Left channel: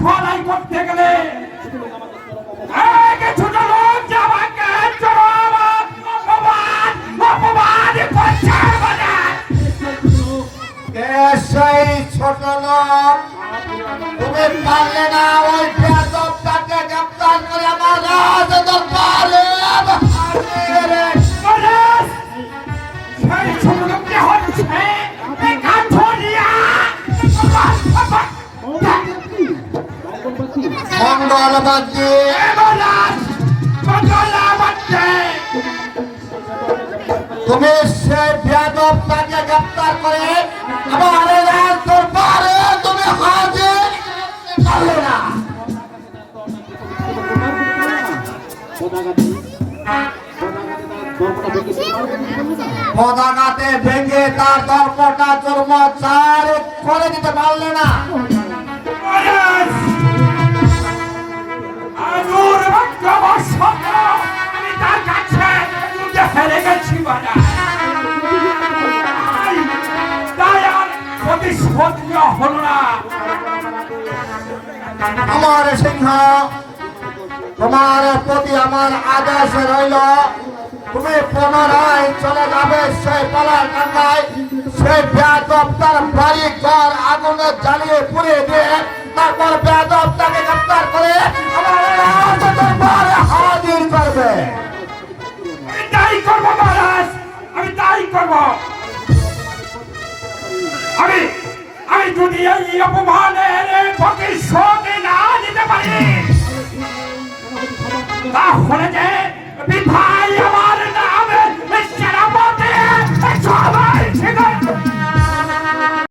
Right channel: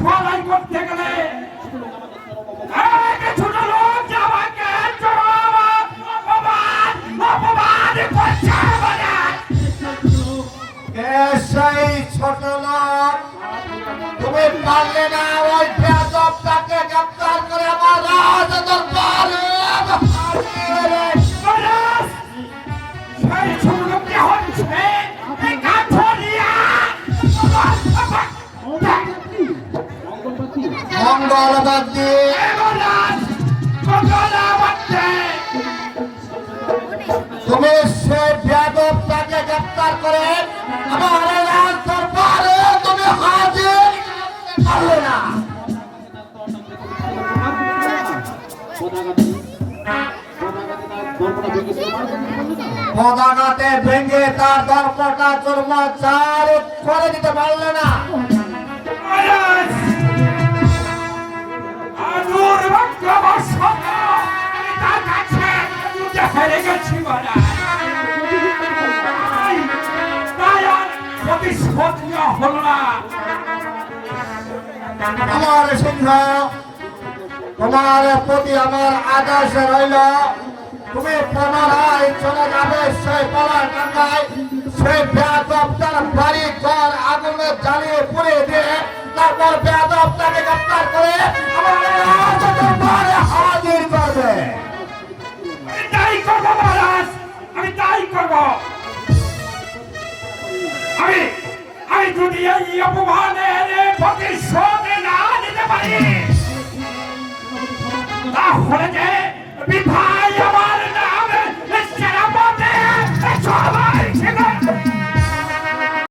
সলাই করতে গেলে এক ছোট লোক যে আমাকে চরম অপমান করছে বলে। সেই ছোট লোক তুমি পারলে না ওই বেয়াদবটাকে গ্রেফতার করে আমার রাজ দরবারে সেই ছোট লোকটি হচ্ছে এই কাঠুরিয়া মঙ্গলবাদী। তুমি সে বেয়াদবটাকে গ্রেফতার করে আমার রাজ দরবারে তুমি হাজির করলে না। পদাঘাতে ভেঙে তার দর্পটা চুরমাচার করে দিতে পারলে না। আমি তার কাছে হেরে গেছি বলে তাই আর প্রতিশোধ হল না। আমার সিংহ তোমার প্রতি আমার আদেশ রইল, তুমি পুনরায় চলে যাবে সেই পালার কান্নায়, সেই বেয়াদবটার বাড়ি ঘর আগুনে জ্বালিয়ে পুড়িয়ে দিয়ে তারপর বেয়াদবটাকে গ্রেফতার করে আমার রাজ দরবারে হাজির করবে। আমি তাই করবো মহারাজ, আমি তাই করবো। আমি যদি এই অপমানের প্রতিশোধ না দিতে পারি তাহলে যে বিধায় আমার